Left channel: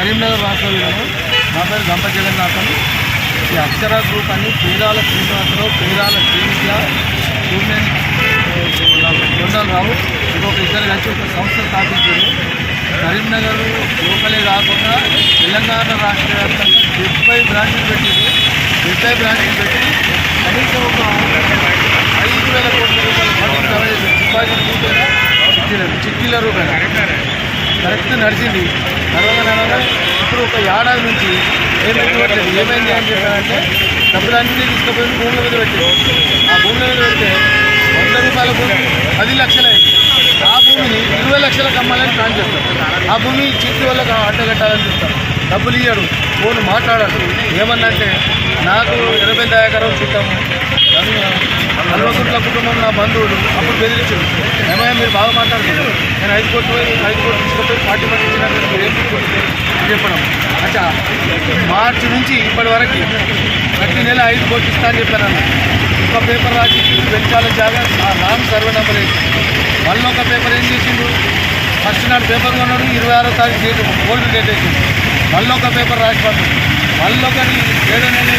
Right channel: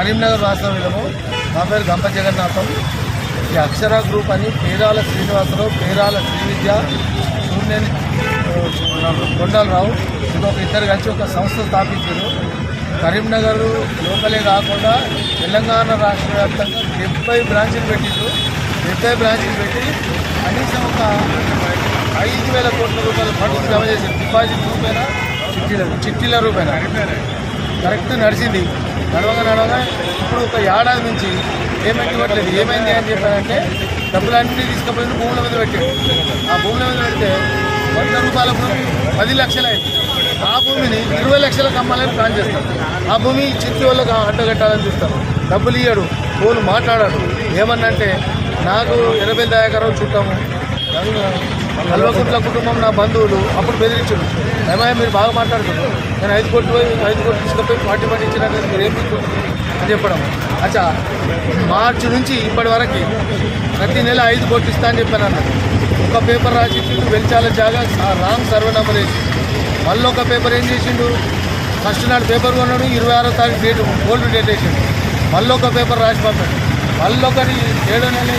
కరీంనగర్ వాస్తవ్యులము. నా పేరు గంప జగన్నాథం. ఈ అక్షర గ్రూప్ అని పేరాల శ్రీనివాసరావు, పేరాల శ్రీవిద్య, స్టూడెంట్ కొండలరావు ఇంకొక ఇద్దరు కలిసి ఒక సంస్థ స్థాపించారు. కరీంనగర్ లోకలే కాకుండా తెలంగాణ రాష్ట్ర వ్యాప్తంగా 70 బ్రాంచ్లు పెట్టారు. 70 బ్రాంచ్లు పెట్టి కనీసం ఒక 5,000 కోట్ల రూపాయల ఫండ్ డిపాజిట్ రూపాయన చిట్టీల రూపాయన కరెక్ట్ నడిచింది. నడవగా ఇప్పుడు ఒక ఏడాది నుంచి పేమెంట్ ఇవ్వట్లేదు. ఏమైంది అని చెప్పారంటే డబ్బులన్నీ తీసుకుపోయి భూముల మీద పెట్టారు. ఆ భూముల మీద పెడితే 100 రూపాయల భూమి 10 లక్షలైంది. ఆ భూమిని 20 లక్షలకు అమ్మాలని ప్లాన్ చేస్తారు. ఆ భూమి చిట్టి వాళ్ళకి అడ్డగట్టాలని చూస్తారు. డబ్బులు ఇయ్యడు, ఫోన్ మాట్లాడాడు. ఏమన్నంటే నాకు 80 దయాకరావు చుట్టాము, కల్వకుంట్ల కుటుంబం నా బంధువులు. అప్పుడు బెదిరించారు, ఏమైనా మీరు బాగా మాట్లాడుతున్నారు, నేను 5 కోట్లు తీసుకుపోయి 40 మంది ఇచ్చినా మీరు ఏం అని చెప్పడం. అచ్చా మార్చి నుంచి ఇప్పటి వరకు ప్రతి నెల 5 కోట్లు ఇస్తా అని చెప్పాను అన్న. ఒక పేపర్ రాసి వెంచాల జాగా రాంగ్ సర్వే నెంబర్ వేసి మళ్ళీ ఒక పేపర్ ఏం చేసిండు, ఫస్ట్ నాడు పేపర్ కొన్నాడు, 26వ తారీఖు డేట్ ఓల్డ్ డేట్ వేసిండు. మళ్ళీ ఒక పేపర్ రాసి పంపాడు. మళ్ళీ ఒకటి 7వ నెల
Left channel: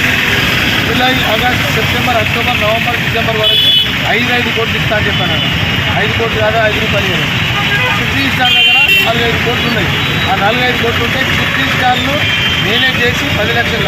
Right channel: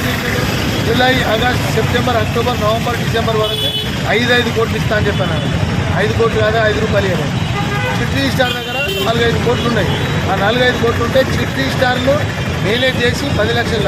July, August, September, October, November, December వరకు 5 కోట్లు ఇస్తా అని చెప్పాను. 5 కోట్లు కాదా, 5 రూపాయలు ఇవ్వలేదు. సిటీ స్టార్ దగ్గర 4-5 కోట్లు ఉన్నాయి. ఆ 4-5 కోట్లు ఉంటే సిటీ స్టార్లు మేనేజ్ చేసి 10 లక్షలు